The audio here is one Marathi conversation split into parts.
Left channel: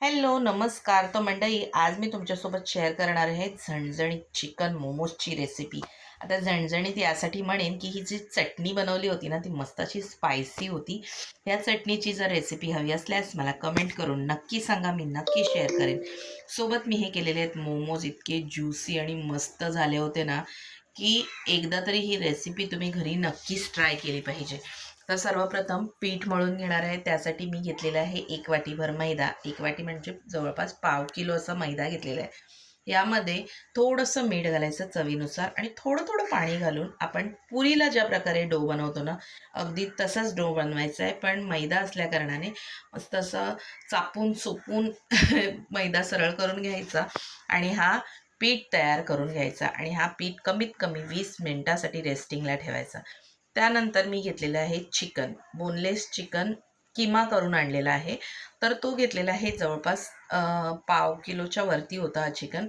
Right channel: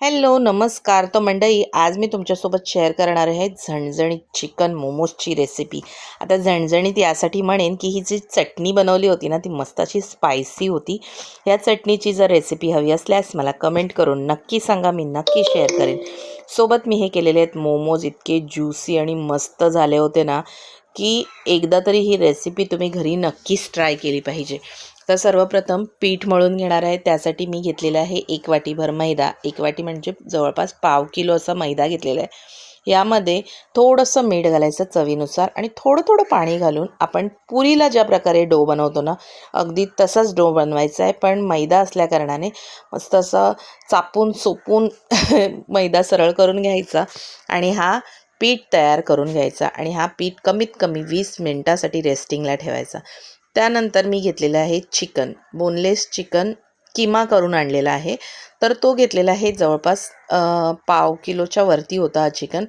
हॅलो नमस्कार. तर मंडळी आज मी तुमच्यासोबत शेअर करणार आहे झणझणीत चिकन मोमोजची रेसिपी आता झणझणीत यासाठी म्हणेन की ही जी चटणी बनवली होती ना ती मस्त अशी स्पायसी होती. या चटणीची जर रेसिपी हवी असल्यास मला कमेंट करून नक्की सांगा मी नक्की शेअर करेन. सोबत मी हे केलेले आहेत मोमोज इतके ज्युसी आणि मस्त झाले होते ना की एकदा तरी ही रेसिपी तुम्ही घरी नक्कीच ट्राय केली पाहिजे. तर सर्वप्रथम पीठ मळून घेणार आहे. त्यासाठी मी घेतलेला आहे एक वाटीभर मैदा. एक वाटी म्हणजे जवळपास पाव किलो असा मैदा घेतलेला आहे. यामध्ये थोडंसं मीठ घालायचं चवीनुसार आणि थोडं थोडं पाणी घालून आपण पुरीला ज्या प्रकारे डो बनवतो ना अगदी तसाच डो बनवायचा आहे. पण मैदा असल्याकारणाने मस्त असं चापून सोपून मैदा सरळ करून घ्यायचा आणि हा पीठ तयार करून घ्यायचा आणि हा पीठ कमीत कमी वीस मिनटासाठी रेस्टिंगला ठेवायचा. त्यानंतर मी घेतलेलं आहे चिकन. बोनलेस चिकन किमा करून आणलेला आहे. तर तो घेतलेला आहे जवळपास पाव किलोच्या वरती होता हा चिकन.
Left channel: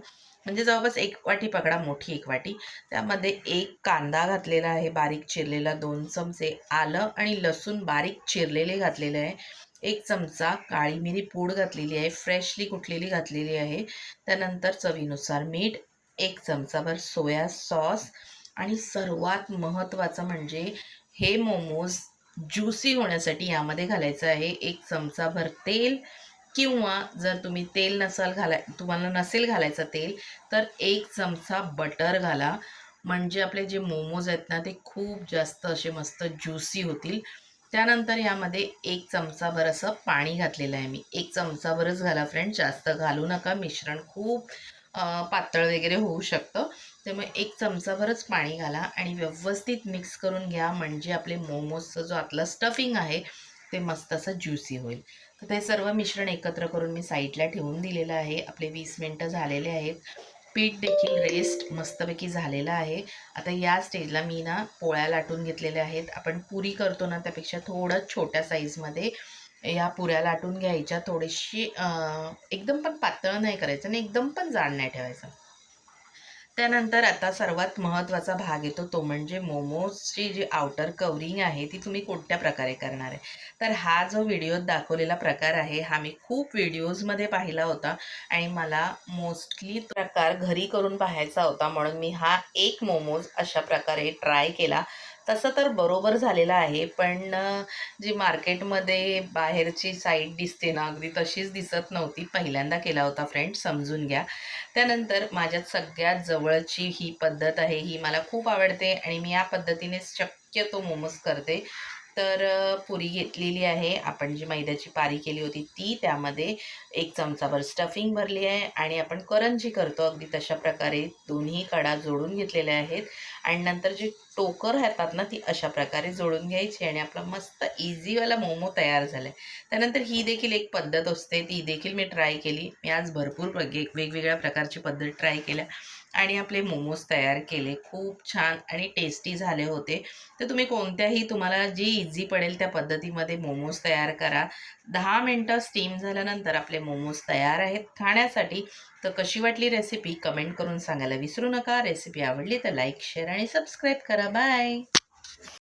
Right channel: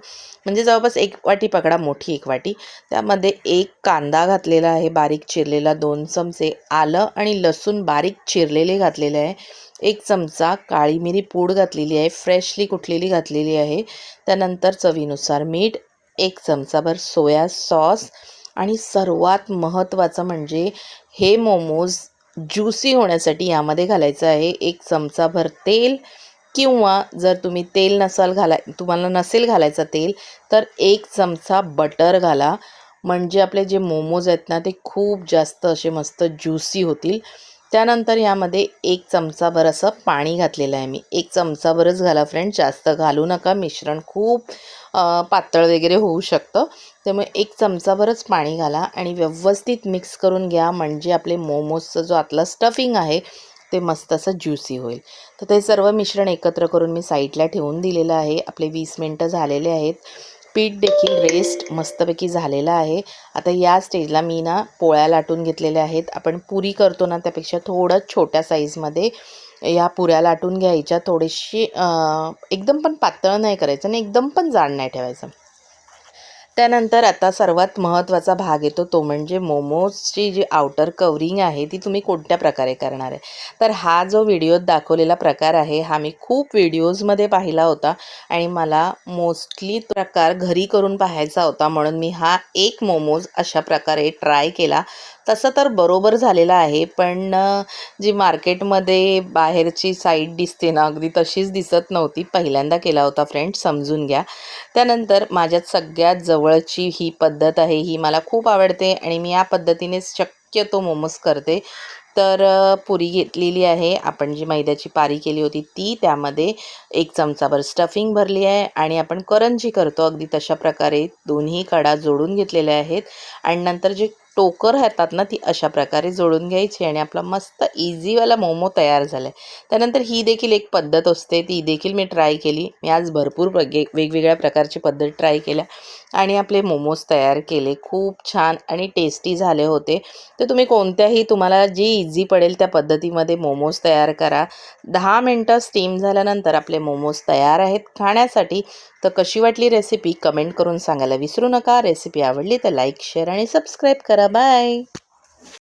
म्हणजे जवळपास एक वाटी पकडा मोठी एक वाटी. त्यामध्ये एक कांदा घातलेला आहे बारीक चिरलेला दोन चमचे. आलं आणि लसूण बारीक चिरलेले घातलेले आहे. एक चमचा काळी मिरी पूड घातलेली आहे फ्रेशली कुठलेली घातलेली आहे. त्यानंतर चवीनुसार मीठ एक चमचाभर सोया सॉस आणि सर्वात महत्त्वाचं म्हणजे हे मोमोज ज्युसी होण्यासाठी यामध्ये घालायचं आहे. एक चमचाभर तेल किंवा जर तुम्ही तेल नसाल घालाय तुम्हाला नसेल घालायचं तेल तर एक चमचा बटर घाला. म्हणजे आपले जे मोमोज आहेत ना ते खूप जास्त असे मस्त ज्युसी होतील. त्यानंतर यामध्ये एक चमचाभर असं पाणी घातलेलं आहे मी. एक चमचाभरच घाला फ्रेंड जास्त घालू नका. मिश्रण खूप पातळ वगैरे होऊ शकतं. त्यामुळे एक चमचाभरच पाणी घाला आणि व्यवस्थित मिक्स करून घ्या. म्हणजे आपले मोमोजचं जो आतला स्टफिंग आहे ते मस्त असं ज्युसी होईल. तर ते सर्व मिश्रण एकत्र करून मी साईडला ठेवून दिलेलं आहे. आपले वीस मिनटं झालेले आहेत. पीठ देखील रेस्ट मस्तपैकी झालेला आहे. आता या स्टेजला मी ना पोळ्या लाटून घेतलेल्या आहेत. आपण पुरी करतो ना त्यापेक्षा थोडं छोट्या साईजमध्ये या पुऱ्या लाटून घ्यायच्या थोडीशी एकदम पण पातळ नाही करायचं आणि एकदम पण जाड नाही ठेवायचं. त्यानंतर आता सर्वात महत्त्वाचा भाग येतो तो म्हणजे मोमोजची जी आउटर कवरिंग आहे ती तुम्ही कोणत्या प्रकारे करणार आहे? तर हा जो व्हिडिओत दाखवलेला प्रकार आहे हा मी खूप व्हिडिओजमध्ये पाहिला होता आणि मला मोस्टली प्रकार घरी करून पाहायचा होता म्हणून मी हा एक मोमोज अशा प्रकारे ट्राय केला. तसं तर बरोबर झालेलं आहे पण जी मार्केटमध्ये बाहेरची साईड दिसते ना अगदी तशीच दिसत नव्हती. पहिल्यांदा केला होता फ्रेंड समजून घ्या. त्यानंतर माझ्यात सगळ्यात जवळची ही पद्धत आहे ही मला खूप आवडते आणि मी या पद्धतीनेच शक्यतो मोमोज करते. तर पुरी घेतलेली आहे. आपण जी मैद्याची पारी केली होती ती त्यामध्ये एक चमचाभर स्टफिंग भरली आहे आणि आपण करंजी करतो. अगदी तशा प्रकारे दोन्ही कडा जोडून घेतलेल्या आहेत. आणि नंतर जे टोकर राहतात ना ती अशा प्रकारे जोडून घ्यायची आणि आपला मस्त इझीवाला मोमो तयार झाला आहे त्यानंतर ही देखील एक पद्धत असते ती देखील मी ट्राय केली. मी आज भरपूर वेग वेगवेगळ्या प्रकारची पद्धत ट्राय केल्या आणि आपले मोमोज तयार केले. खूप छान आणि टेस्टी झाले होते. तर तुम्ही कोणत्याही तुम्हाला जी इझी पडेल त्या पद्धतीमध्ये मोमोज तयार करा. दहा मिनटं स्टीम झाल्यानंतर आपले मोमोज तयार आहेत. खाण्यासाठी तर कशी वाटली रेसिपी कमेंट करून सांगायला विसरू नका. रेसिपी आवडली तर लाईक शेअर आणि सबस्क्राईब करा. बाय